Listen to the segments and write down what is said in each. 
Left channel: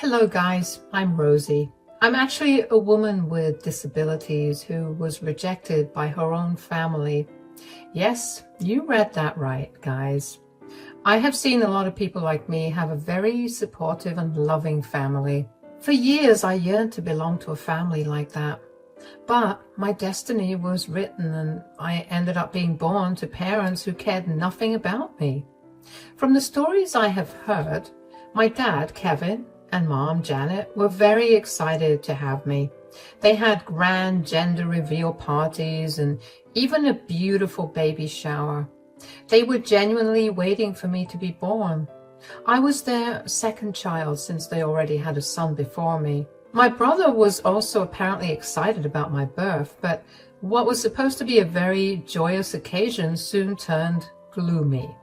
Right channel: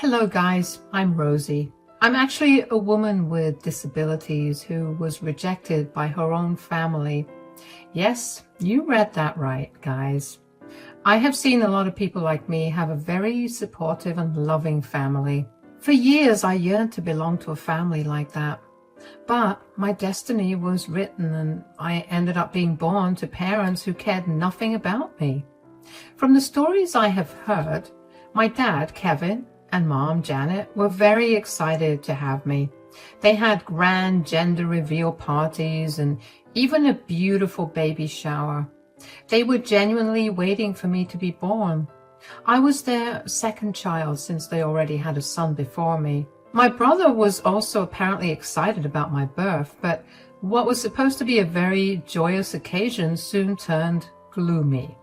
Hello guys, I'm Rosie. I'm actually a woman with disabilities who was rejected by her own family. Yes, you read that right, guys. I have seen a lot of people like me have a very supportive and loving family. For years I yearned to belong to a family like that. But my destiny was written and I ended up being born to parents who cared nothing about me. From the stories I have heard, my dad, Kevin, and mom, Janet, were very excited to have me. They had grand gender reveal parties and even a beautiful baby shower. They were genuinely waiting for me to be born. I was their second child since they already had a son before me. My brother was also apparently excited about my birth, but what was supposed to be a very joyous occasion soon turned gloomy.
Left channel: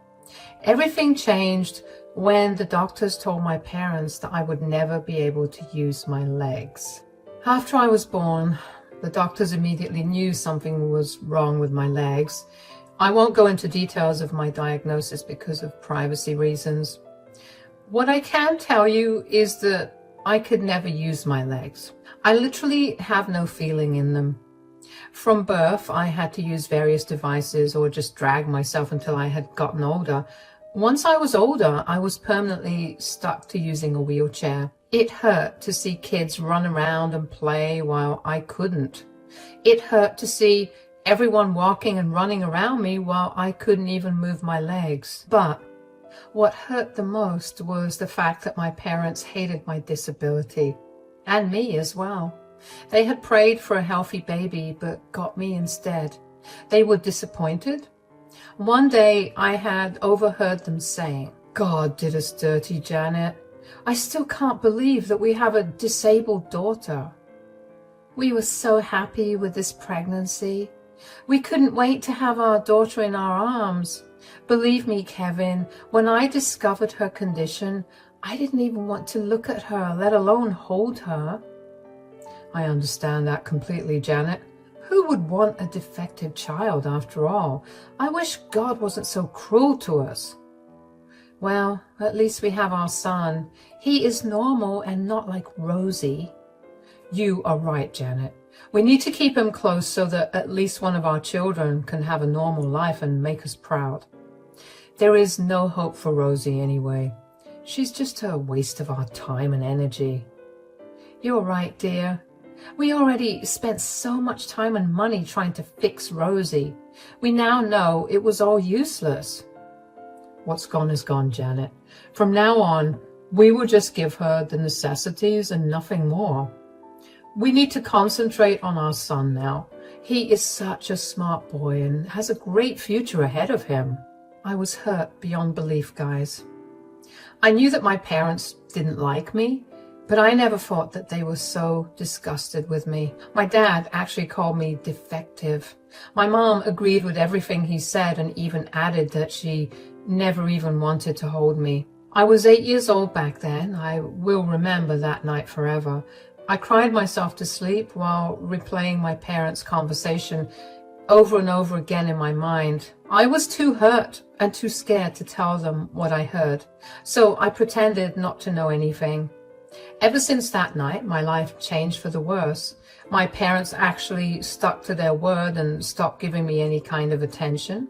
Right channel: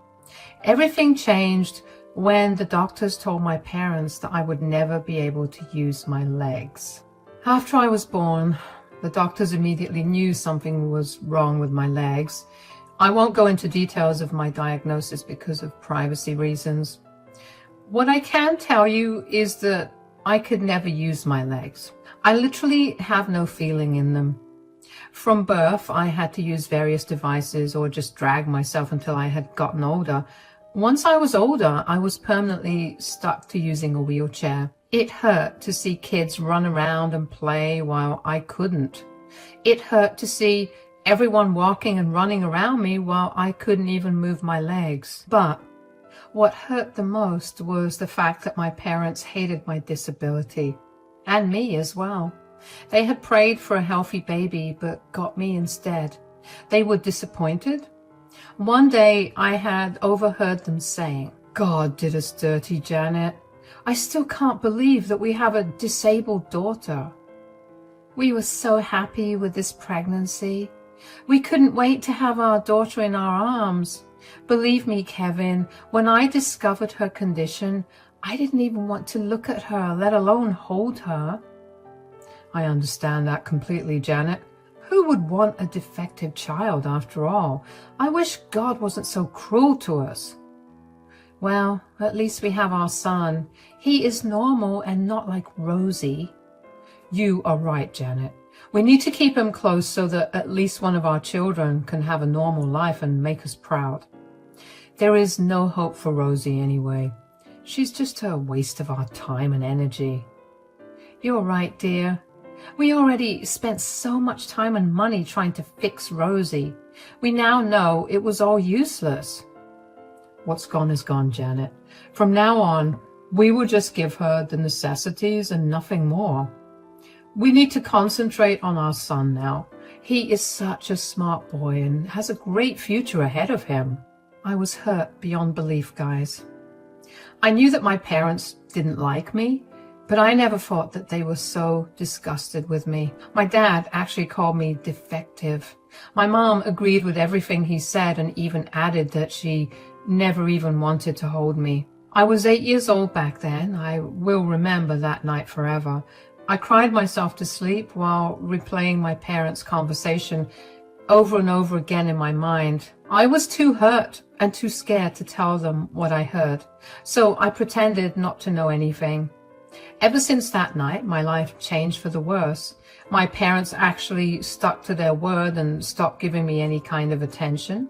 Everything changed when the doctors told my parents that I would never be able to use my legs. After I was born, the doctors immediately knew something was wrong with my legs. I won't go into details of my diagnosis because of privacy reasons. What I can tell you is that I could never use my legs. I literally have no feeling in them. From birth, I had to use various devices or just drag myself until I had gotten older. Once I was older, I was permanently stuck to using a wheelchair. It hurt to see kids run around and play while I couldn't. It hurt to see everyone walking and running around me while I couldn't even move my legs. But what hurt the most was the fact that my parents hated my disability, and me as well. They had prayed for a healthy baby, but got me instead. They were disappointed. One day I had overheard them saying, "God did us dirty, Janet. I still can't believe that we have a disabled daughter. We were so happy with this pregnancy. We couldn't wait to have our daughter in our arms. Believe me, Kevin, when I discovered her condition, I didn't even want to look at her, let alone hold her." I understand that completely, Janet. Who would want a defective child after all? I wish God wasn't so cruel to us. Well, at least we have our son. He is normal and not like Rosie. You are right, Janet. We need to keep him close so that at least one of our children can have a normal life and make us proud. There is no hope for Rosie anyway. She's just a waste of our time and energy. You're right, dear. We already spent so much time and money trying to fix Rosie. We now know it was all useless. What's gone is gone, Janet. From now on, we will just give her the necessities and nothing more. We need to concentrate on our son now. He is such a smart boy and has a great future ahead of him. I was hurt beyond belief, guys. I knew that my parents didn't like me, but I never thought that they were so disgusted with me. My dad actually called me defective. My mom agreed with everything he said and even added that she never even wanted to hold me. I was 8 years old back then. I will remember that night forever. I cried myself to sleep while replaying my parents' conversation over and over again in my mind. I was too hurt and too scared to tell them what I heard, so I pretended not to know anything. Ever since that night, my life changed for the worse. My parents actually stuck to their word and stopped giving me any kind of attention.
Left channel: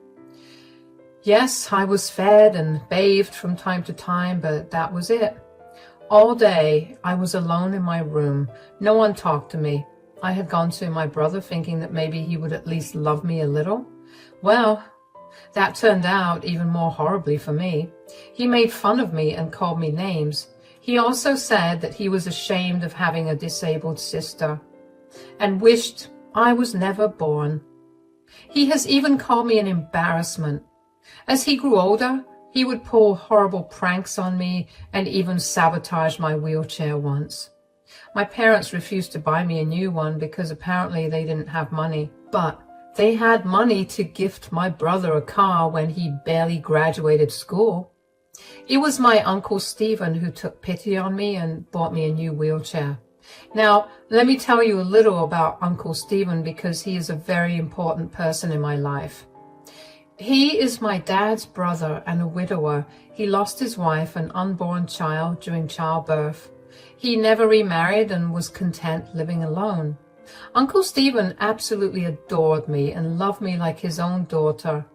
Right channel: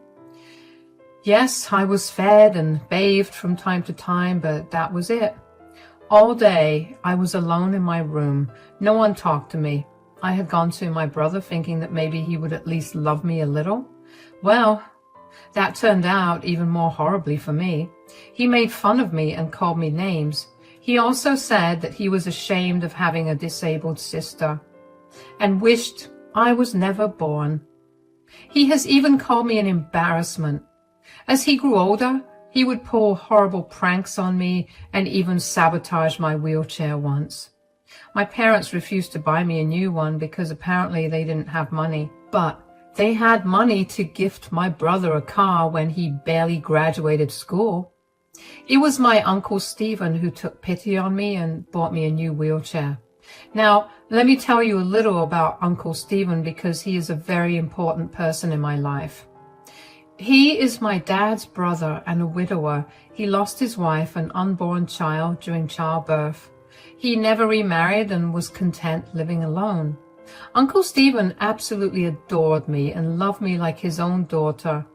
Yes, I was fed and bathed from time to time, but that was it. All day, I was alone in my room. No one talked to me. I had gone to my brother thinking that maybe he would at least love me a little. Well, that turned out even more horribly for me. He made fun of me and called me names. He also said that he was ashamed of having a disabled sister and wished I was never born. He has even called me an embarrassment. As he grew older, he would pull horrible pranks on me and even sabotage my wheelchair once. My parents refused to buy me a new one because apparently they didn't have money, but they had money to gift my brother a car when he barely graduated school. It was my Uncle Stephen who took pity on me and bought me a new wheelchair. Now, let me tell you a little about Uncle Stephen because he is a very important person in my life. He is my dad's brother and a widower. He lost his wife and unborn child during childbirth. He never remarried and was content living alone. Uncle Stephen absolutely adored me and loved me like his own daughter.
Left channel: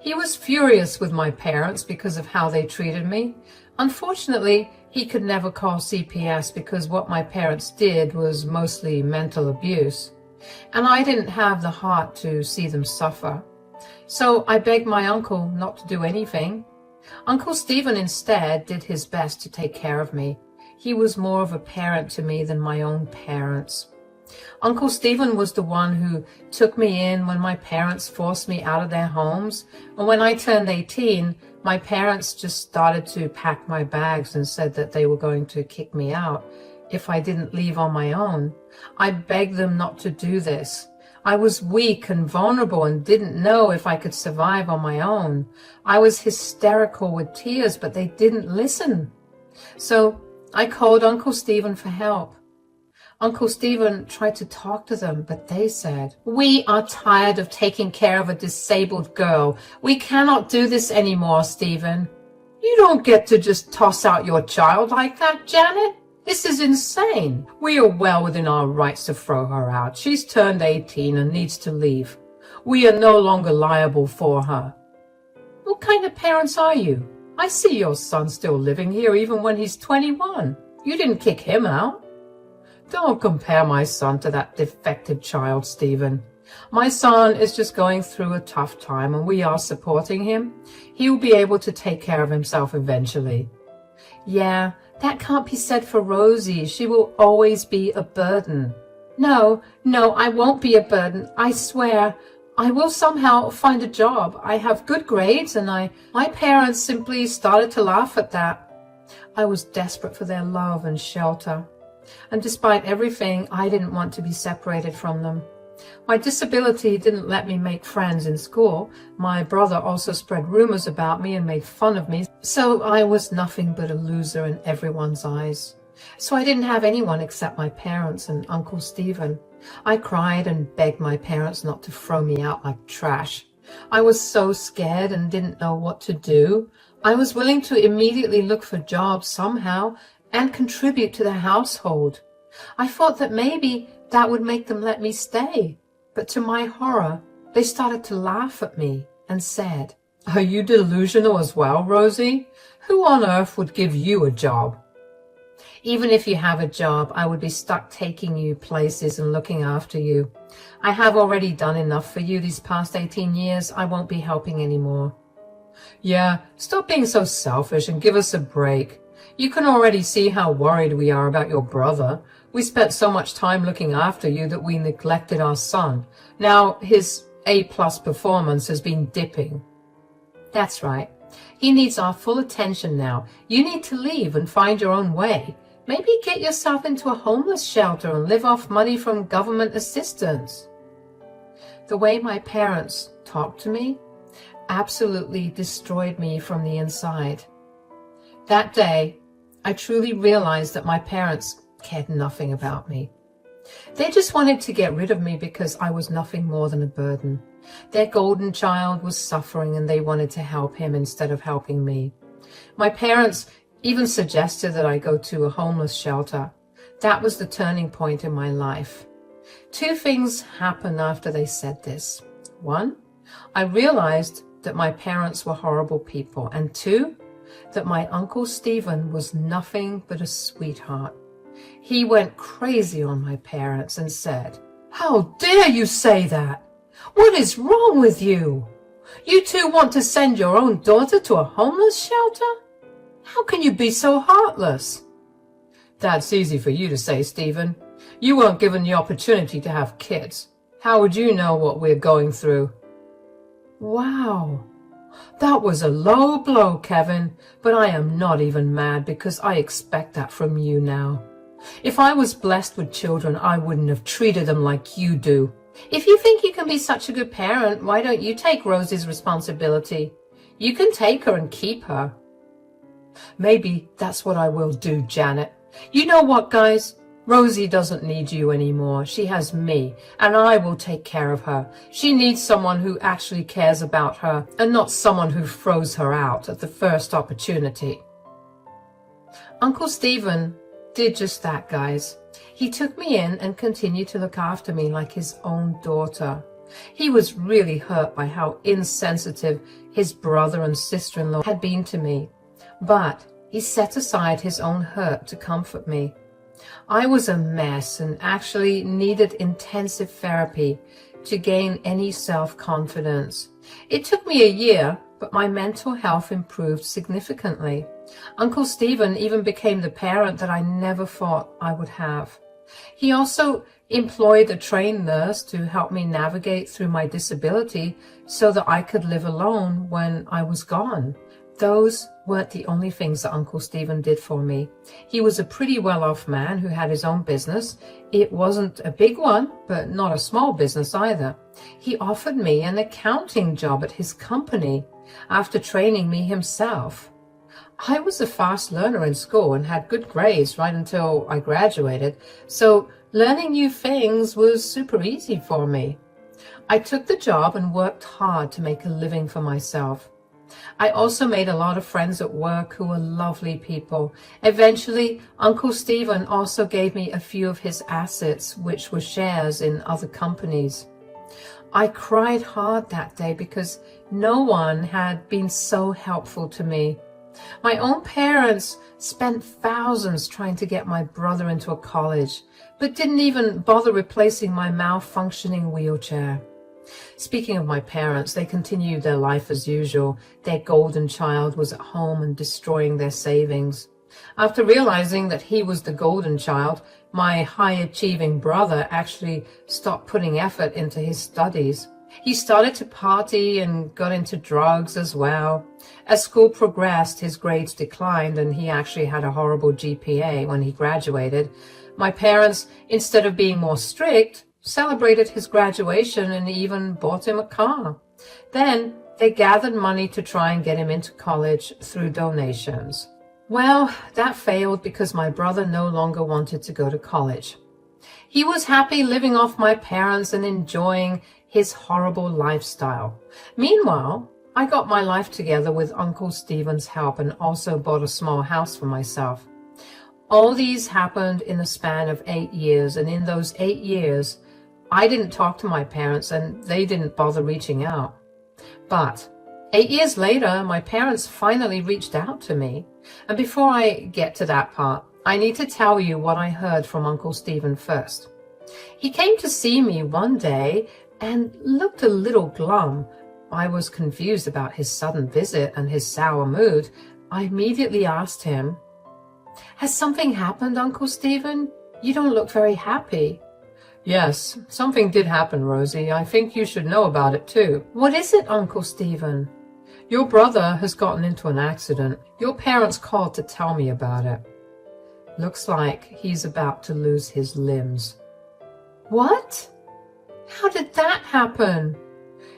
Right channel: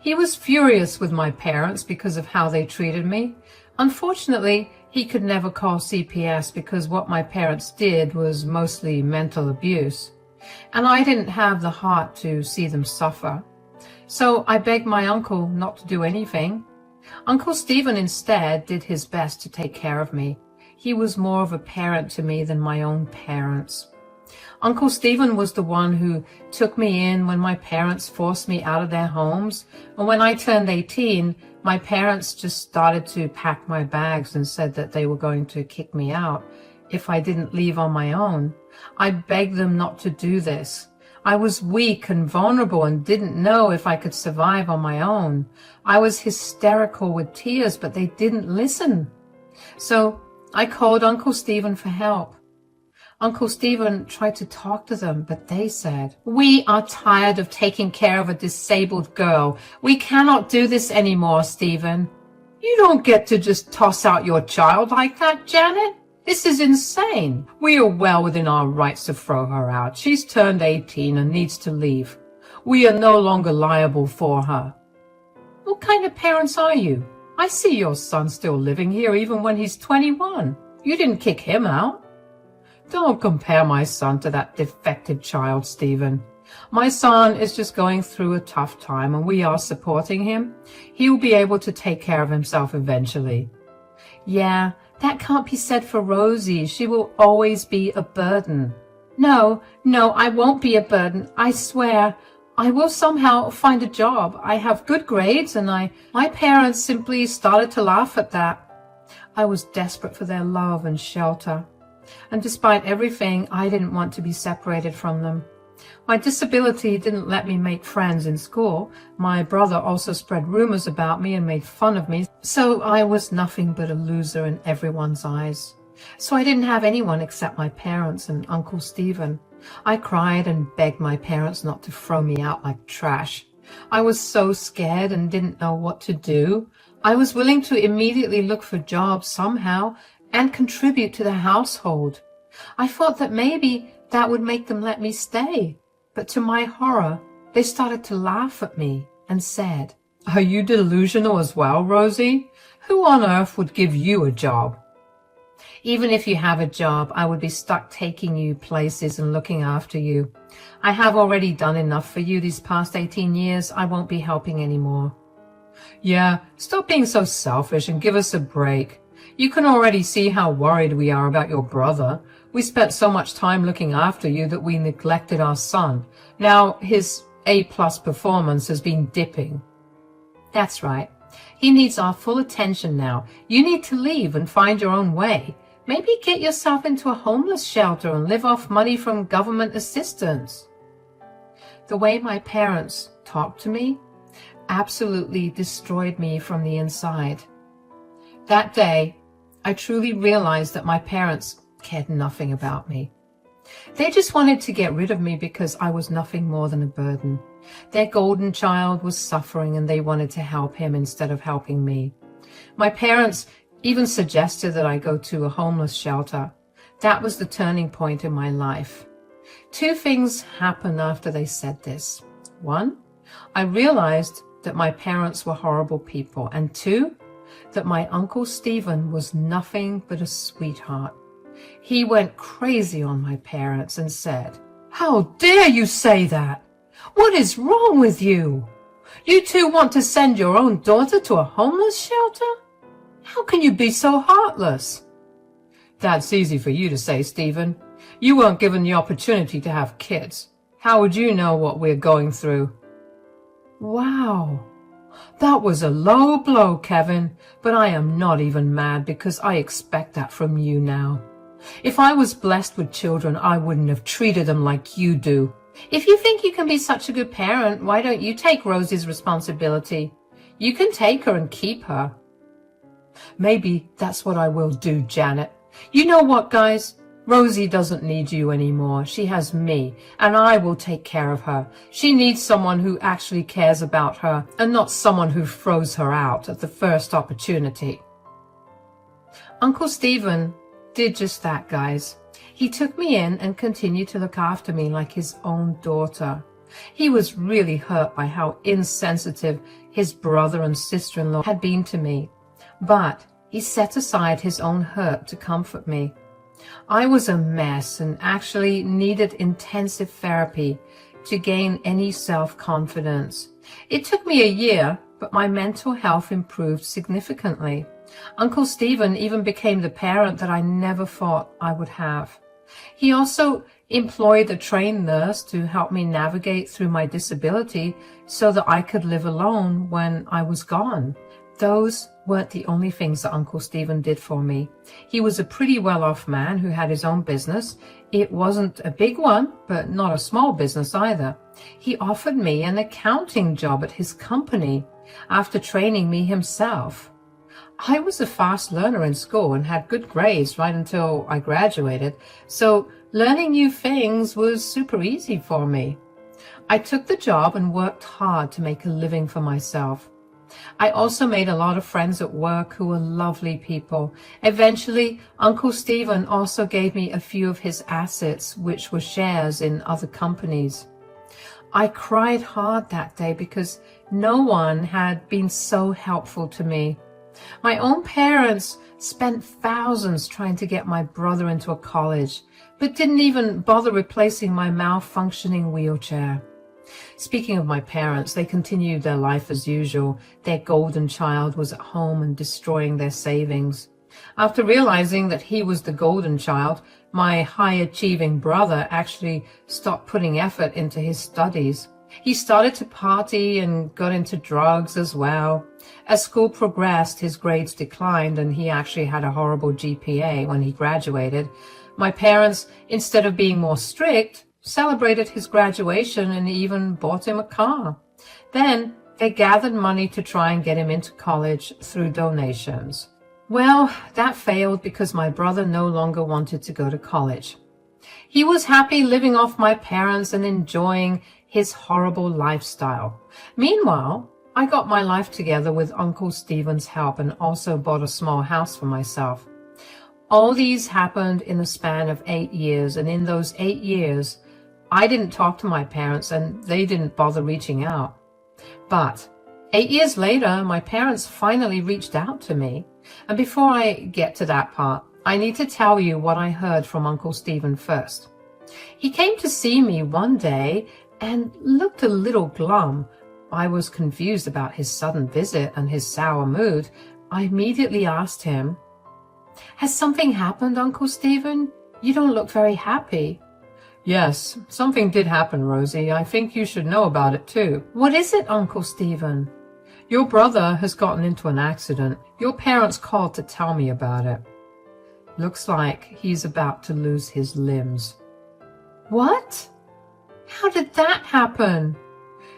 He was furious with my parents because of how they treated me. Unfortunately, he could never call CPS because what my parents did was mostly mental abuse, and I didn't have the heart to see them suffer. So I begged my uncle not to do anything. Uncle Stephen instead did his best to take care of me. He was more of a parent to me than my own parents. Uncle Stephen was the one who took me in when my parents forced me out of their homes. And when I turned 18, my parents just started to pack my bags and said that they were going to kick me out if I didn't leave on my own. I begged them not to do this. I was weak and vulnerable and didn't know if I could survive on my own. I was hysterical with tears, but they didn't listen. So I called Uncle Stephen for help. Uncle Stephen tried to talk to them, but they said, "We are tired of taking care of a disabled girl. We cannot do this anymore, Stephen." "You don't get to just toss out your child like that, Janet. This is insane. We are well within our rights to throw her out. She's turned 18 and needs to leave. We are no longer liable for her." "What kind of parents are you? I see your son still living here even when he's 21. You didn't kick him out." "Don't compare my son to that defective child, Stephen. My son is just going through a tough time and we are supporting him. He will be able to take care of himself eventually." "Yeah, that can't be said for Rosie. She will always be a burden." No, I won't be a burden. I swear. I will somehow find a job. I have good grades and my parents simply started to laugh at that. I was desperate for their love and shelter. And despite everything, I didn't want to be separated from them. My disability didn't let me make friends in school. My brother also spread rumors about me and made fun of me, so I was nothing but a loser in everyone's eyes. So I didn't have anyone except my parents and Uncle Stephen. I cried and begged my parents not to throw me out like trash. I was so scared and didn't know what to do. I was willing to immediately look for jobs somehow and contribute to the household. I thought that maybe that would make them let me stay. But to my horror, they started to laugh at me and said, "Are you delusional as well, Rosie? Who on earth would give you a job?" "Even if you have a job, I would be stuck taking you places and looking after you. I have already done enough for you these past 18 years. I won't be helping anymore." "Yeah, stop being so selfish and give us a break. You can already see how worried we are about your brother. We spent so much time looking after you that we neglected our son. Now his A+ performance has been dipping." "That's right. He needs our full attention now. You need to leave and find your own way. Maybe get yourself into a homeless shelter and live off money from government assistance." The way my parents talked to me absolutely destroyed me from the inside. That day, I truly realized that my parents cared nothing about me. They just wanted to get rid of me because I was nothing more than a burden. Their golden child was suffering and they wanted to help him instead of helping me. My parents even suggested that I go to a homeless shelter. That was the turning point in my life. Two things happened after they said this. One, I realized that my parents were horrible people. And two, that my Uncle Stephen was nothing but a sweetheart. He went crazy on my parents and said, "How dare you say that? What is wrong with you? You two want to send your own daughter to a homeless shelter? How can you be so heartless?" "That's easy for you to say, Stephen. You weren't given the opportunity to have kids. How would you know what we're going through?" Wow. That was a low blow, Kevin, but I am not even mad because I expect that from you now. If I was blessed with children, I wouldn't have treated them like you do. If you think you can be such a good parent, why don't you take Rosie's responsibility? You can take her and keep her. Maybe that's what I will do, Janet. You know what, guys? Rosie doesn't need you anymore. She has me, and I will take care of her. She needs someone who actually cares about her, and not someone who throws her out at the first opportunity. Uncle Stephen did just that, guys. He took me in and continued to look after me like his own daughter. He was really hurt by how insensitive his brother and sister-in-law had been to me, but he set aside his own hurt to comfort me. I was a mess and actually needed intensive therapy to gain any self-confidence. It took me a year, but my mental health improved significantly. Uncle Stephen even became the parent that I never thought I would have. He also employed a trained nurse to help me navigate through my disability so that I could live alone when I was gone. Those weren't the only things that Uncle Stephen did for me. He was a pretty well-off man who had his own business. It wasn't a big one, but not a small business either. He offered me an accounting job at his company after training me himself. I was a fast learner in school and had good grades right until I graduated, so learning new things was super easy for me. I took the job and worked hard to make a living for myself. I also made a lot of friends at work who were lovely people. Eventually, Uncle Stephen also gave me a few of his assets, which were shares in other companies. I cried hard that day because no one had been so helpful to me. My own parents spent thousands trying to get my brother into a college, but didn't even bother replacing my malfunctioning wheelchair. Speaking of my parents, they continued their life as usual. Their golden child was at home and destroying their savings. After realizing that he was the golden child, my high-achieving brother actually stopped putting effort into his studies. He started to party and got into drugs as well. As school progressed, his grades declined and he actually had a horrible GPA when he graduated. My parents, instead of being more strict, celebrated his graduation and even bought him a car. Then they gathered money to try and get him into college through donations. Well, that failed because my brother no longer wanted to go to college. He was happy living off my parents and enjoying his horrible lifestyle. Meanwhile, I got my life together with Uncle Stephen's help and also bought a small house for myself. All these happened in a span of 8 years, and in those 8 years, I didn't talk to my parents and they didn't bother reaching out. But 8 years later, my parents finally reached out to me. And before I get to that part, I need to tell you what I heard from Uncle Stephen first. He came to see me one day and looked a little glum. I was confused about his sudden visit and his sour mood. I immediately asked him, "Has something happened, Uncle Stephen? You don't look very happy." "Yes, something did happen, Rosie. I think you should know about it too." "What is it, Uncle Stephen?" "Your brother has gotten into an accident. Your parents called to tell me about it. Looks like he's about to lose his limbs." "What? How did that happen?"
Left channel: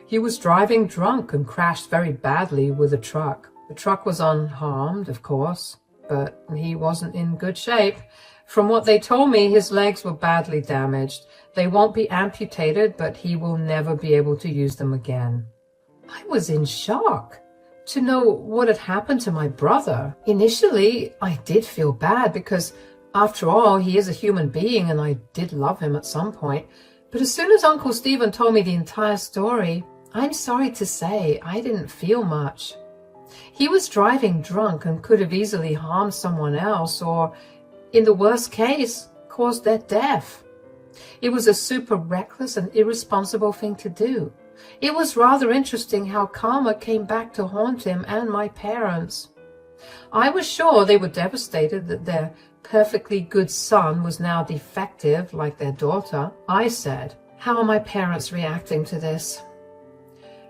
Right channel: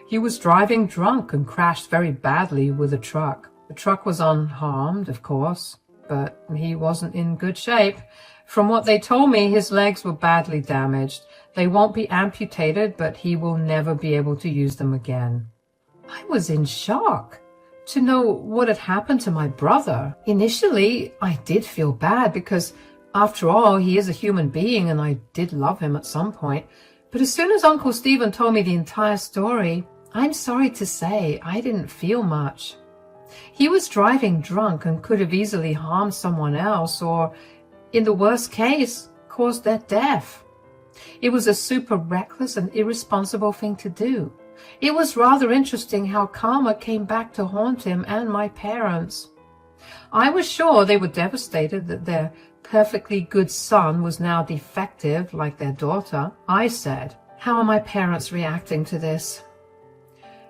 "He was driving drunk and crashed very badly with a truck. The truck was unharmed, of course, but he wasn't in good shape. From what they told me, his legs were badly damaged. They won't be amputated, but he will never be able to use them again." I was in shock to know what had happened to my brother. Initially, I did feel bad because, after all, he is a human being and I did love him at some point. But as soon as Uncle Stephen told me the entire story, I'm sorry to say I didn't feel much. He was driving drunk and could have easily harmed someone else or, in the worst case, caused their death. It was a super reckless and irresponsible thing to do. It was rather interesting how karma came back to haunt him and my parents. I was sure they were devastated that their perfectly good son was now defective like their daughter. I said, "How are my parents reacting to this?"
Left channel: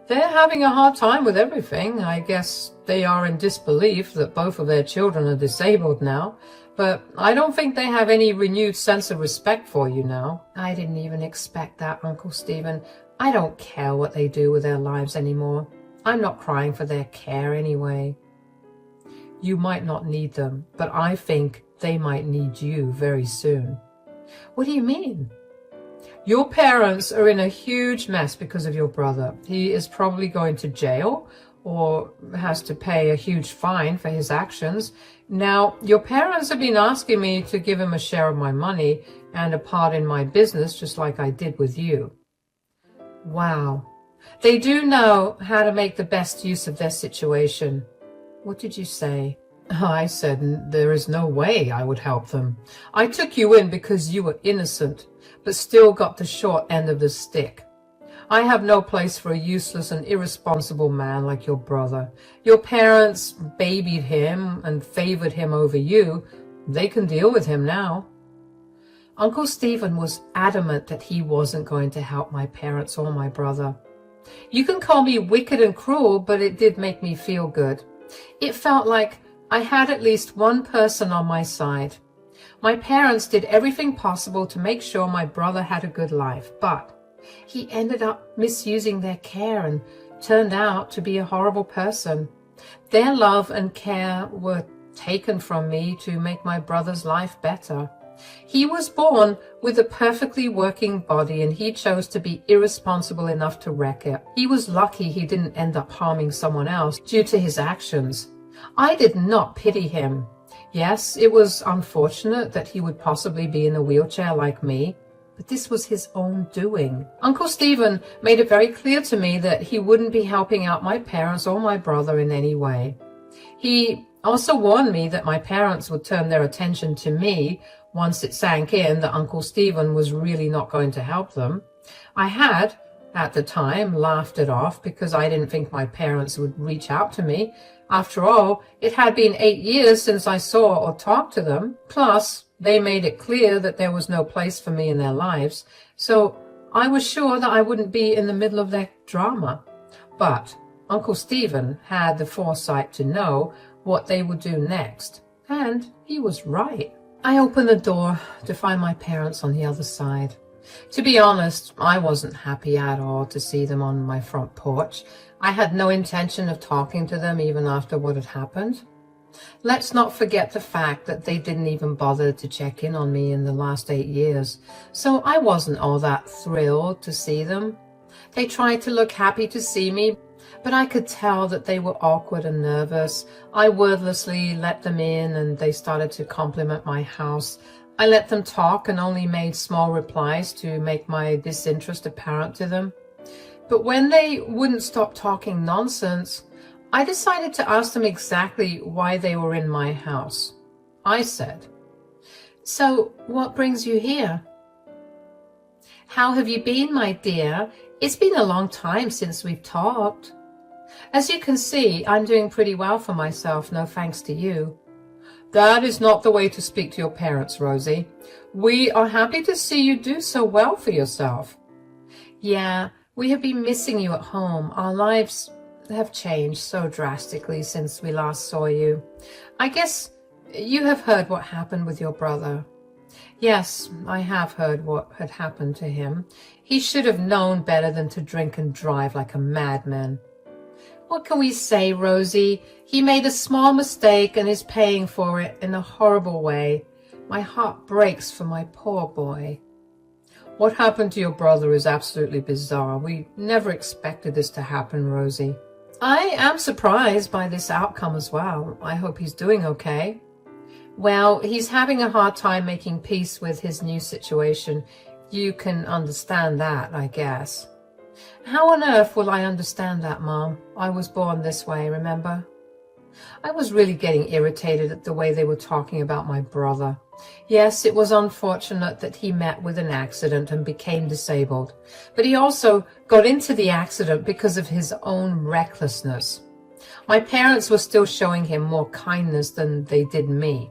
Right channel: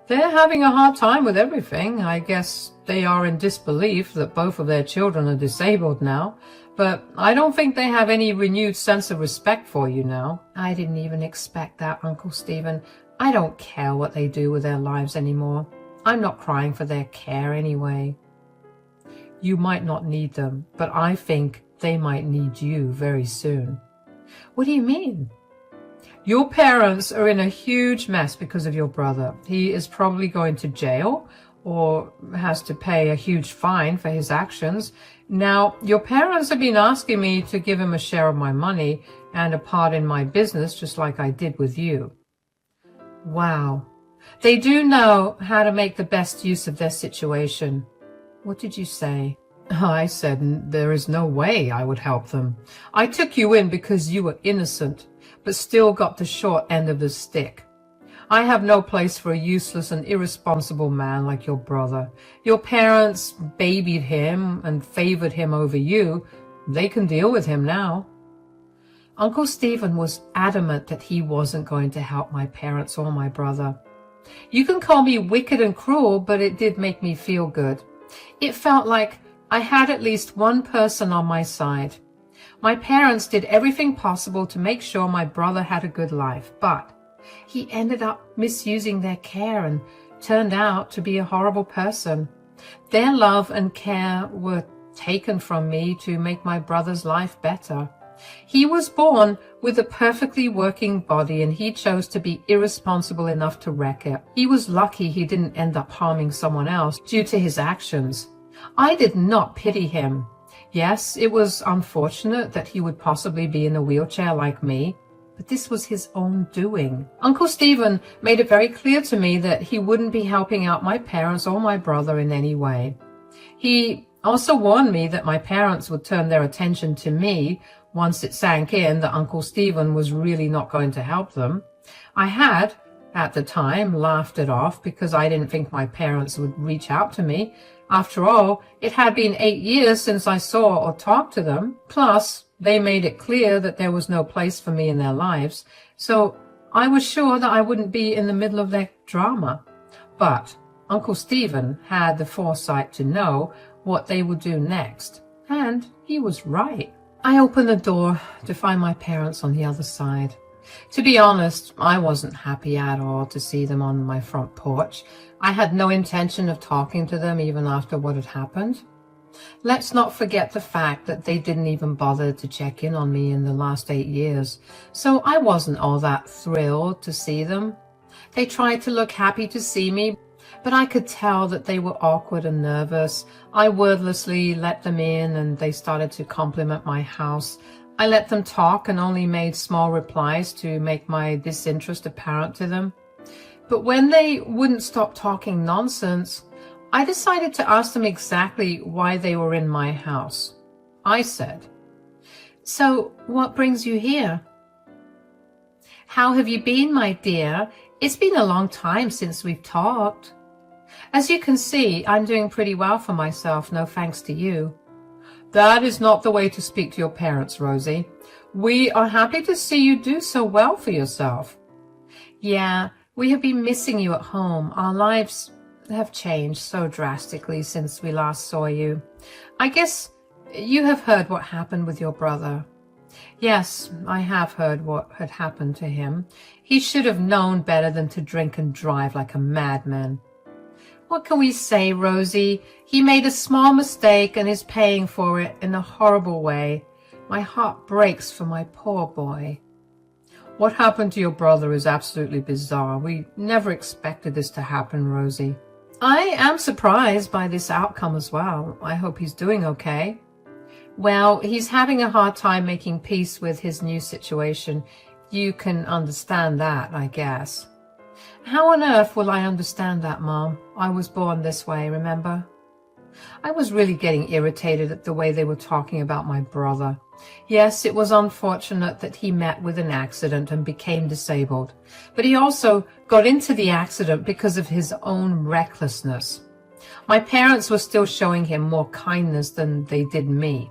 "They're having a hard time with everything. I guess they are in disbelief that both of their children are disabled now, but I don't think they have any renewed sense of respect for you now." I didn't even expect that, Uncle Stephen. I don't care what they do with their lives anymore. I'm not crying for their care anyway. "You might not need them, but I think they might need you very soon." "What do you mean?" "Your parents are in a huge mess because of your brother. He is probably going to jail or has to pay a huge fine for his actions. Now, your parents have been asking me to give him a share of my money and a part in my business, just like I did with you. Wow. They do know how to make the best use of their situation. What did you say? I said there is no way I would help them. I took you in because you were innocent, but still got the short end of the stick. I have no place for a useless and irresponsible man like your brother. Your parents babied him and favored him over you. They can deal with him now. Uncle Stephen was adamant that he wasn't going to help my parents or my brother. You can call me wicked and cruel, but it did make me feel good. It felt like I had at least one person on my side. My parents did everything possible to make sure my brother had a good life, but he ended up misusing their care and turned out to be a horrible person. Their love and care were taken from me to make my brother's life better. He was born with a perfectly working body, and he chose to be irresponsible enough to wreck it. He was lucky he didn't end up harming someone else due to his actions. I did not pity him. Yes, it was unfortunate that he would possibly be in a wheelchair like me, but this was his own doing. Uncle Stephen made it very clear to me that he wouldn't be helping out my parents or my brother in any way. He also warned me that my parents would turn their attention to me once it sank in that Uncle Stephen was really not going to help them. I had, at the time, laughed it off because I didn't think my parents would reach out to me. After all, it had been 8 years since I saw or talked to them. Plus, they made it clear that there was no place for me in their lives, so I was sure that I wouldn't be in the middle of their drama. But Uncle Stephen had the foresight to know what they would do next, and he was right. I opened the door to find my parents on the other side. To be honest, I wasn't happy at all to see them on my front porch. I had no intention of talking to them even after what had happened. Let's not forget the fact that they didn't even bother to check in on me in the last 8 years, so I wasn't all that thrilled to see them. They tried to look happy to see me, but I could tell that they were awkward and nervous. I wordlessly let them in, and they started to compliment my house. I let them talk and only made small replies to make my disinterest apparent to them. But when they wouldn't stop talking nonsense, I decided to ask them exactly why they were in my house. I said, "So what brings you here?" "How have you been, my dear? It's been a long time since we've talked." "As you can see, I'm doing pretty well for myself, no thanks to you." "That is not the way to speak to your parents, Rosie. We are happy to see you do so well for yourself." "Yeah, we have been missing you at home. Our lives have changed so drastically since we last saw you. I guess you have heard what happened with your brother." "Yes, I have heard what had happened to him. He should have known better than to drink and drive like a madman." "What can we say, Rosie? He made a small mistake and is paying for it in a horrible way. My heart breaks for my poor boy." "What happened to your brother is absolutely bizarre. We never expected this to happen, Rosie." "I am surprised by this outcome as well. I hope he's doing okay." "Well, he's having a hard time making peace with his new situation. You can understand that, I guess." "How on earth will I understand that, Mom? I was born this way, remember?" I was really getting irritated at the way they were talking about my brother. Yes, it was unfortunate that he met with an accident and became disabled, but he also got into the accident because of his own recklessness. My parents were still showing him more kindness than they did me.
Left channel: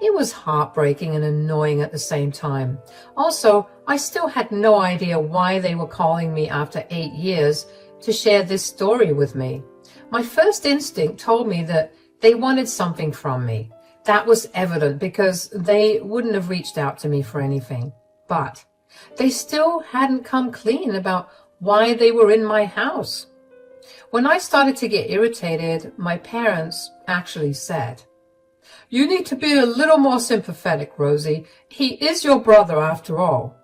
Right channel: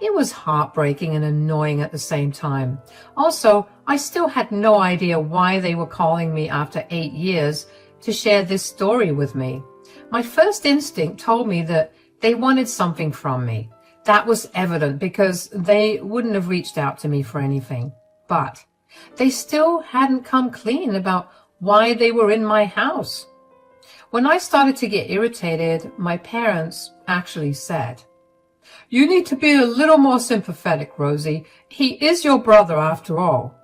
It was heartbreaking and annoying at the same time. Also, I still had no idea why they were calling me after 8 years to share this story with me. My first instinct told me that they wanted something from me. That was evident because they wouldn't have reached out to me for anything. But they still hadn't come clean about why they were in my house. When I started to get irritated, my parents actually said, "You need to be a little more sympathetic, Rosie. He is your brother after all."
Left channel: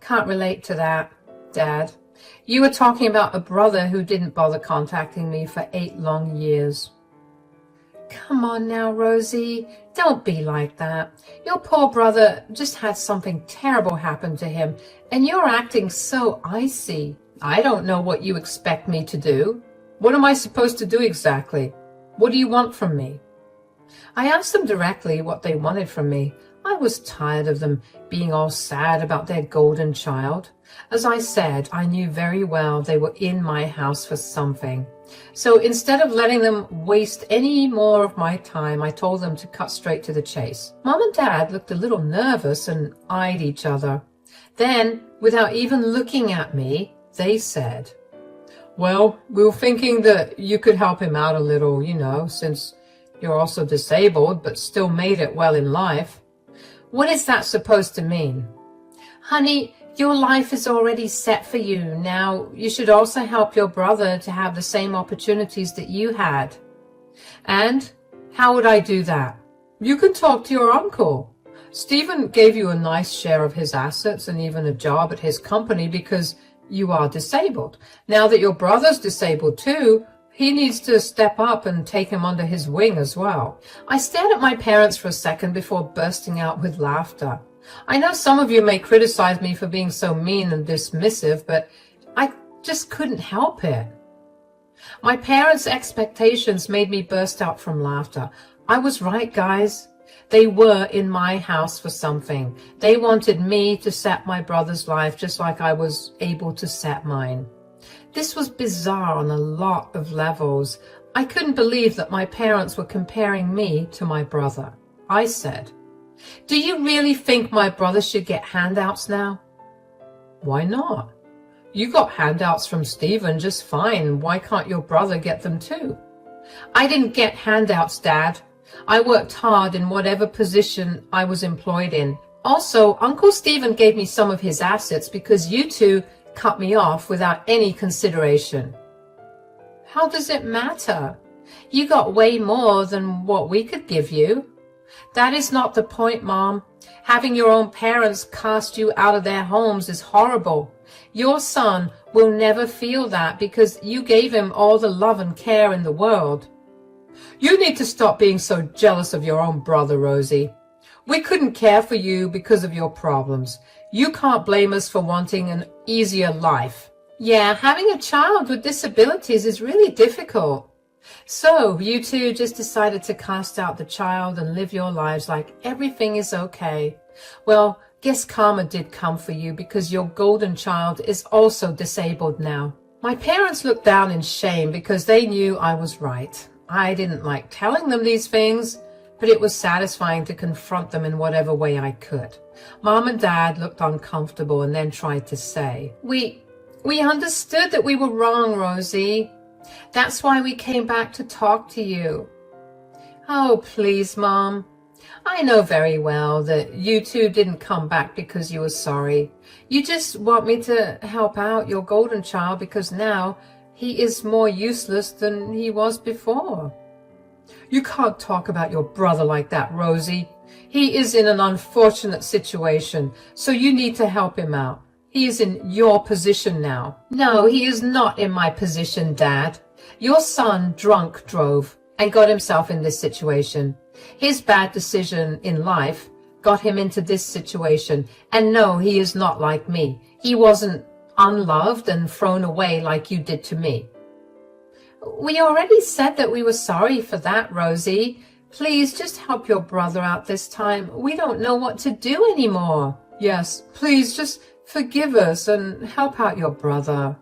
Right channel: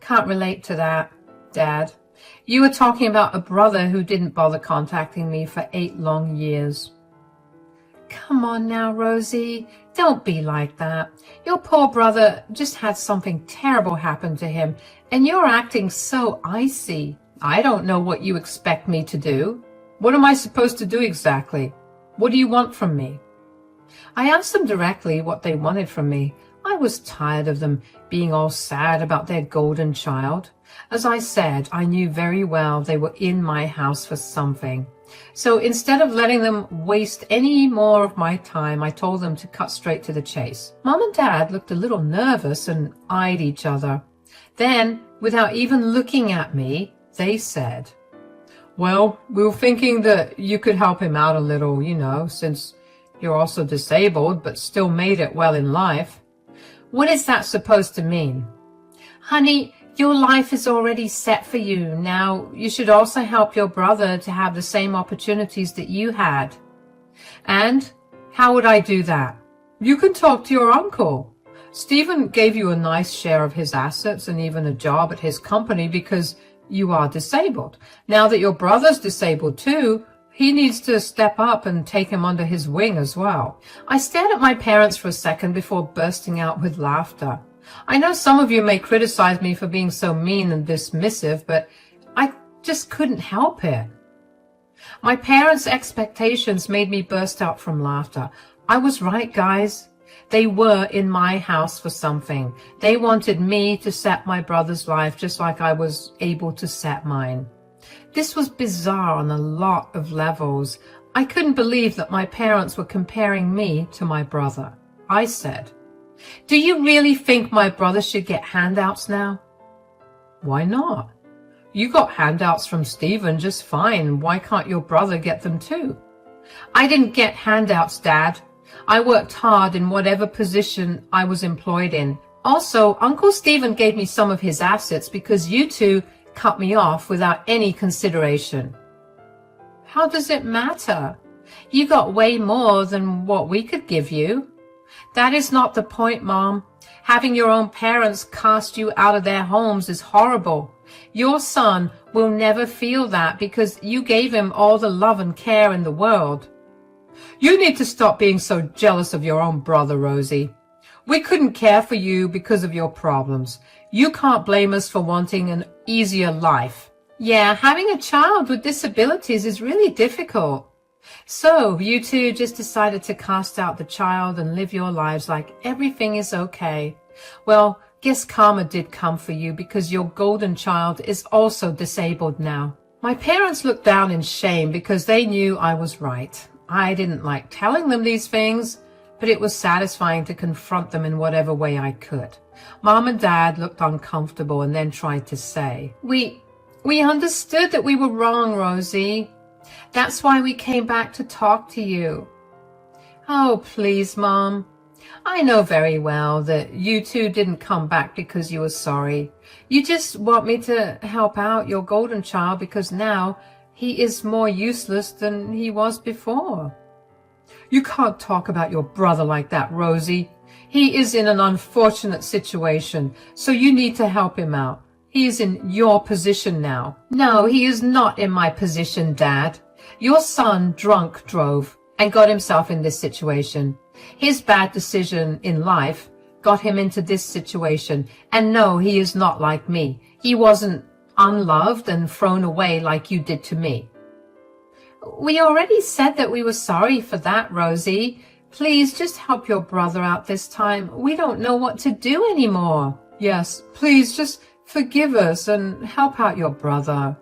"Can't relate to that, Dad. You were talking about a brother who didn't bother contacting me for 8 long years. Come on now, Rosie. Don't be like that. Your poor brother just had something terrible happen to him, and you're acting so icy. I don't know what you expect me to do. What am I supposed to do exactly? What do you want from me? I asked them directly what they wanted from me. I was tired of them being all sad about their golden child. As I said, I knew very well they were in my house for something. So instead of letting them waste any more of my time, I told them to cut straight to the chase. Mom and Dad looked a little nervous and eyed each other. Then, without even looking at me, they said, "Well, we were thinking that you could help him out a little, since you're also disabled but still made it well in life." What is that supposed to mean? Honey, your life is already set for you. Now, you should also help your brother to have the same opportunities that you had. And how would I do that? You can talk to your uncle. Stephen gave you a nice share of his assets and even a job at his company because you are disabled. Now that your brother's disabled too, he needs to step up and take him under his wing as well. I stared at my parents for a second before bursting out with laughter. I know some of you may criticize me for being so mean and dismissive, but I just couldn't help it. My parents' expectations made me burst out from laughter. I was right, guys. They were in my house for something. They wanted me to set my brother's life just like I was able to set mine. This was bizarre on a lot of levels. I couldn't believe that my parents were comparing me to my brother. I said, "Do you really think my brother should get handouts now?" "Why not? You got handouts from Stephen just fine. Why can't your brother get them too?" "I didn't get handouts, Dad. I worked hard in whatever position I was employed in. Also, Uncle Stephen gave me some of his assets because you two cut me off without any consideration." "How does it matter? You got way more than what we could give you." "That is not the point, Mom. Having your own parents cast you out of their homes is horrible. Your son will never feel that because you gave him all the love and care in the world." "You need to stop being so jealous of your own brother, Rosie. We couldn't care for you because of your problems. You can't blame us for wanting an easier life." "Yeah, having a child with disabilities is really difficult. So you two just decided to cast out the child and live your lives like everything is okay. Well, guess karma did come for you because your golden child is also disabled now." My parents looked down in shame because they knew I was right. I didn't like telling them these things, but it was satisfying to confront them in whatever way I could. Mom and Dad looked uncomfortable and then tried to say, We understood that we were wrong, Rosie. That's why we came back to talk to you." "Oh, please, Mom. I know very well that you two didn't come back because you were sorry. You just want me to help out your golden child because now he is more useless than he was before." "You can't talk about your brother like that, Rosie. He is in an unfortunate situation, so you need to help him out. He is in your position now." "No, he is not in my position, Dad. Your son drunk drove and got himself in this situation. His bad decision in life got him into this situation. And no, he is not like me. He wasn't unloved and thrown away like you did to me." "We already said that we were sorry for that, Rosie. Please just help your brother out this time. We don't know what to do anymore." "Yes, please just forgive us and help out your brother.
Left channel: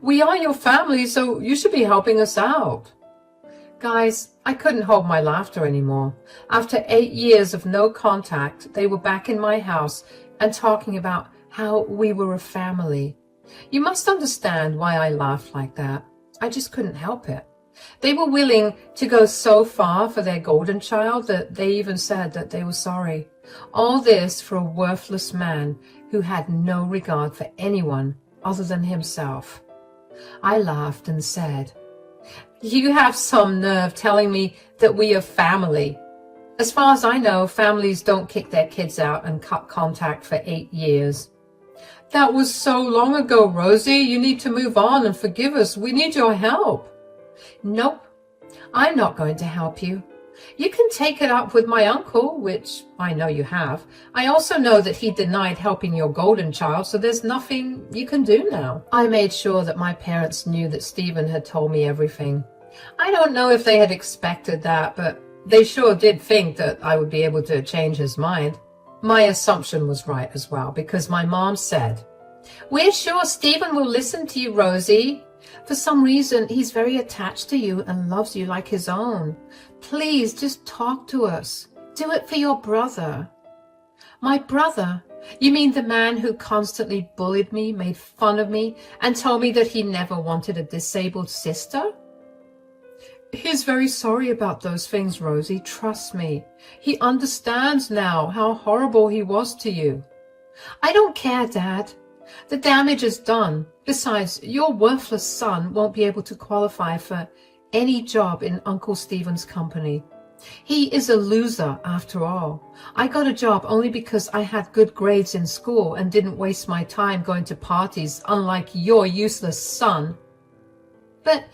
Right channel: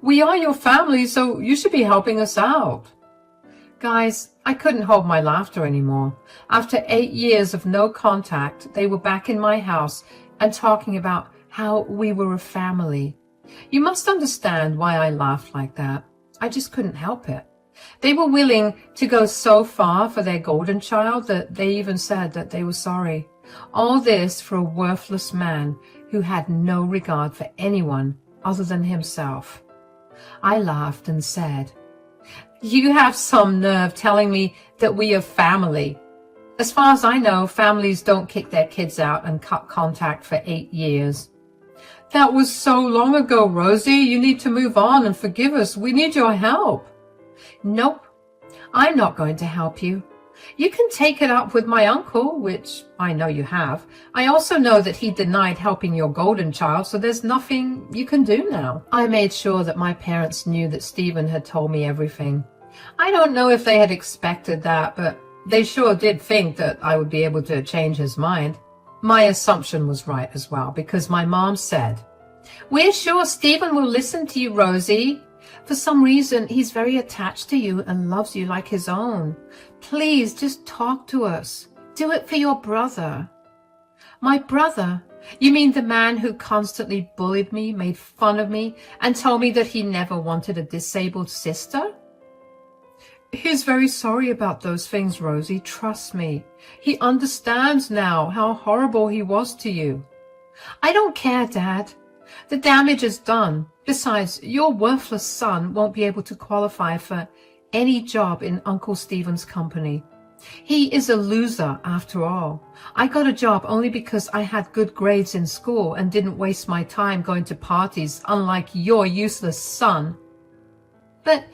We are your family, so you should be helping us out." Guys, I couldn't hold my laughter anymore. After 8 years of no contact, they were back in my house and talking about how we were a family. You must understand why I laughed like that. I just couldn't help it. They were willing to go so far for their golden child that they even said that they were sorry. All this for a worthless man who had no regard for anyone other than himself. I laughed and said, "You have some nerve telling me that we are family. As far as I know, families don't kick their kids out and cut contact for 8 years. That was so long ago, Rosie. You need to move on and forgive us. We need your help. Nope, I'm not going to help you. You can take it up with my uncle, which I know you have. I also know that he denied helping your golden child, so there's nothing you can do now. I made sure that my parents knew that Stephen had told me everything. I don't know if they had expected that, but they sure did think that I would be able to change his mind. My assumption was right as well, because my mom said, "We're sure Stephen will listen to you, Rosie. For some reason, he's very attached to you and loves you like his own. Please, just talk to us. Do it for your brother." My brother? You mean the man who constantly bullied me, made fun of me, and told me that he never wanted a disabled sister? He's very sorry about those things, Rosie. Trust me. He understands now how horrible he was to you. I don't care, Dad. The damage is done. Besides, your worthless son won't be able to qualify for any job in Uncle Stephen's company. He is a loser, after all. I got a job only because I had good grades in school and didn't waste my time going to parties, unlike your useless son. But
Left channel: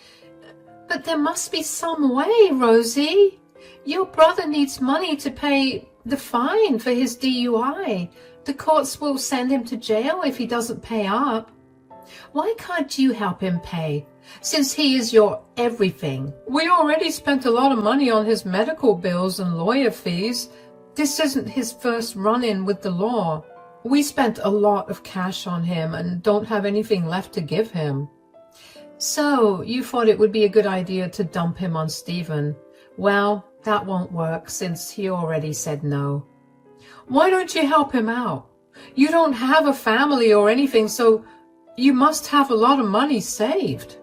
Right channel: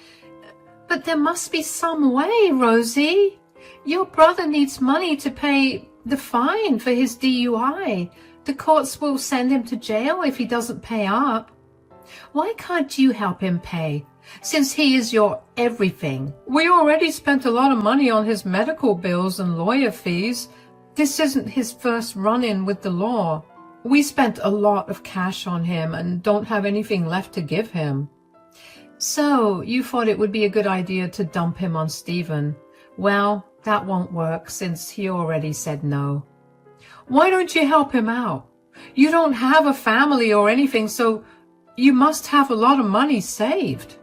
there must be some way, Rosie. Your brother needs money to pay the fine for his DUI. The courts will send him to jail if he doesn't pay up. Why can't you help him pay, since he is your everything? We already spent a lot of money on his medical bills and lawyer fees. This isn't his first run-in with the law. We spent a lot of cash on him and don't have anything left to give him. So you thought it would be a good idea to dump him on Stephen. Well, that won't work since he already said no. Why don't you help him out? You don't have a family or anything, so you must have a lot of money saved.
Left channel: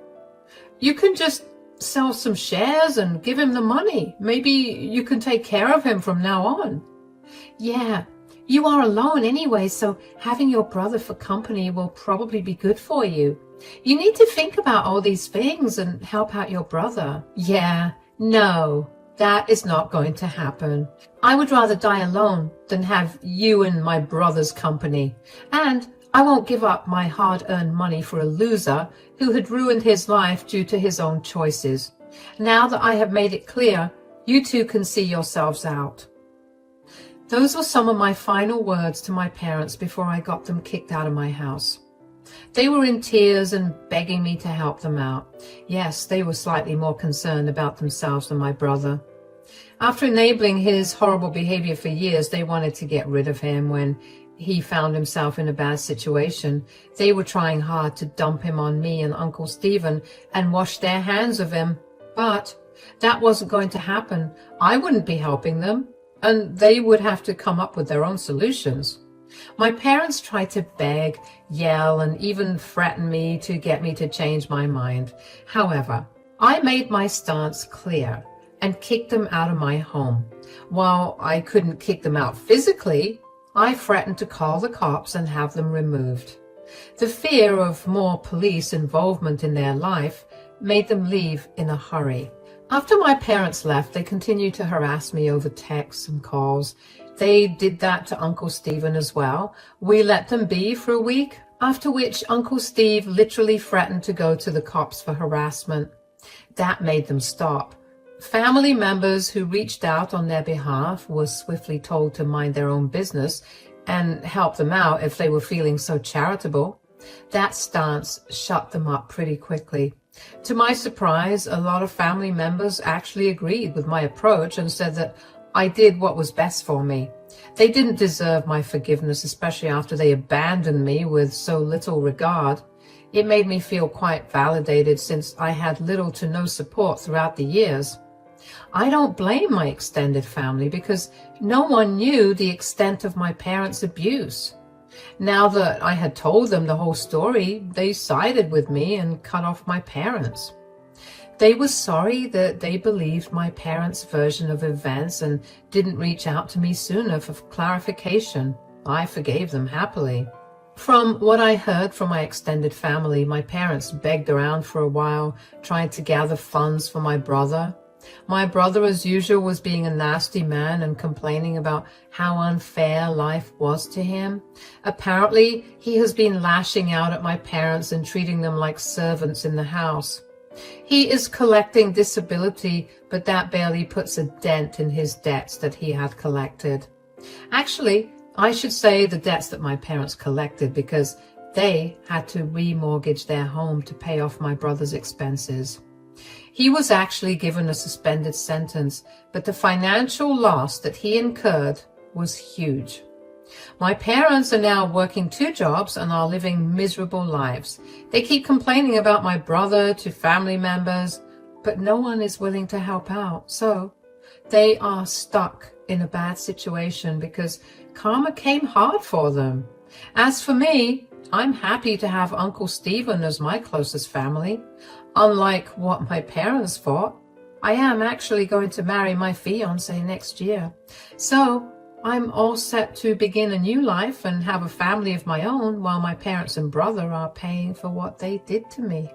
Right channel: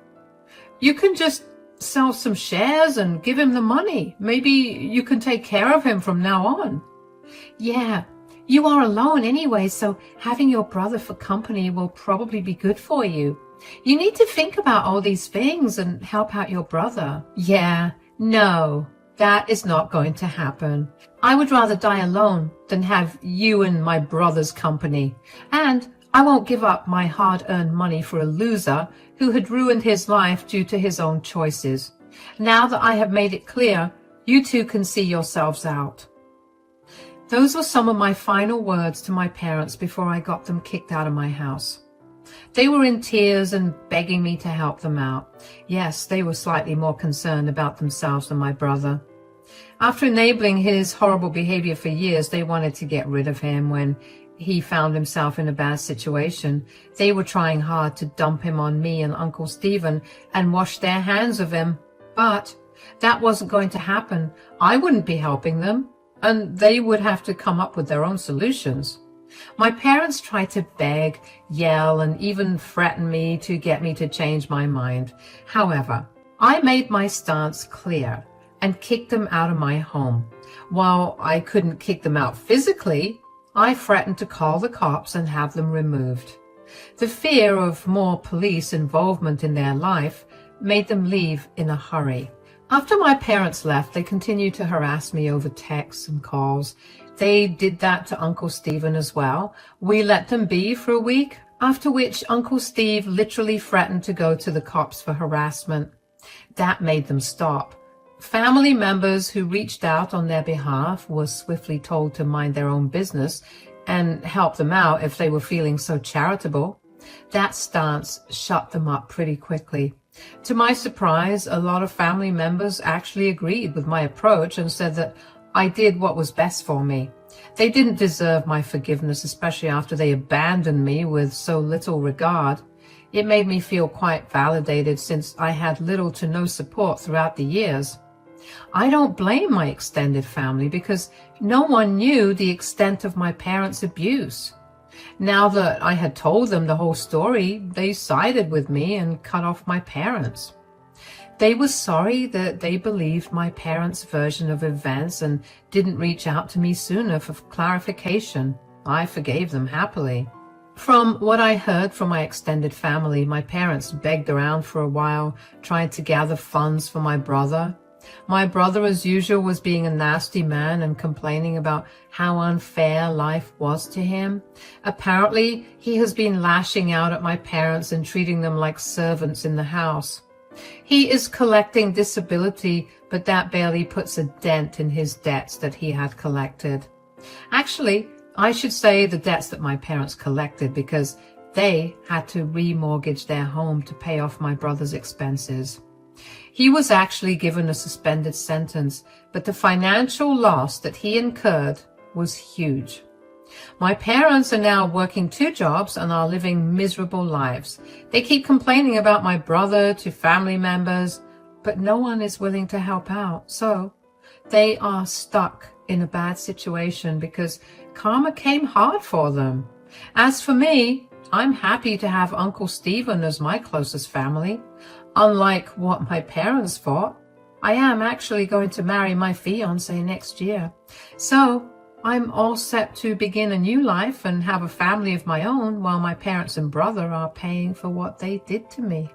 You can just sell some shares and give him the money. Maybe you can take care of him from now on. Yeah, you are alone anyway, so having your brother for company will probably be good for you. You need to think about all these things and help out your brother. Yeah, no, that is not going to happen. I would rather die alone than have you and my brother's company. And I won't give up my hard-earned money for a loser who had ruined his life due to his own choices. Now that I have made it clear, you two can see yourselves out. Those were some of my final words to my parents before I got them kicked out of my house. They were in tears and begging me to help them out. Yes, they were slightly more concerned about themselves than my brother. After enabling his horrible behavior for years, they wanted to get rid of him when he found himself in a bad situation. They were trying hard to dump him on me and Uncle Stephen and wash their hands of him. But that wasn't going to happen. I wouldn't be helping them, and they would have to come up with their own solutions. My parents tried to beg, yell, and even threaten me to get me to change my mind. However, I made my stance clear and kicked them out of my home. While I couldn't kick them out physically, I threatened to call the cops and have them removed. The fear of more police involvement in their life made them leave in a hurry. After my parents left, they continued to harass me over texts and calls. They did that to Uncle Stephen as well. We let them be for a week, after which Uncle Steve literally threatened to go to the cops for harassment. That made them stop. Family members who reached out on their behalf were swiftly told to mind their own business and help them out if they were feeling so charitable. That stance shut them up pretty quickly. To my surprise, a lot of family members actually agreed with my approach and said that I did what was best for me. They didn't deserve my forgiveness, especially after they abandoned me with so little regard. It made me feel quite validated since I had little to no support throughout the years. I don't blame my extended family because no one knew the extent of my parents' abuse. Now that I had told them the whole story, they sided with me and cut off my parents. They were sorry that they believed my parents' version of events and didn't reach out to me sooner for clarification. I forgave them happily. From what I heard from my extended family, my parents begged around for a while, trying to gather funds for my brother. My brother, as usual, was being a nasty man and complaining about how unfair life was to him. Apparently, he has been lashing out at my parents and treating them like servants in the house. He is collecting disability, but that barely puts a dent in his debts that he had collected. Actually, I should say the debts that my parents collected, because they had to remortgage their home to pay off my brother's expenses. He was actually given a suspended sentence, but the financial loss that he incurred was huge. My parents are now working 2 jobs and are living miserable lives. They keep complaining about my brother to family members, but no one is willing to help out. So they are stuck in a bad situation because karma came hard for them. As for me, I'm happy to have Uncle Stephen as my closest family. Unlike what my parents thought, I am actually going to marry my fiancé next year. So I'm all set to begin a new life and have a family of my own while my parents and brother are paying for what they did to me.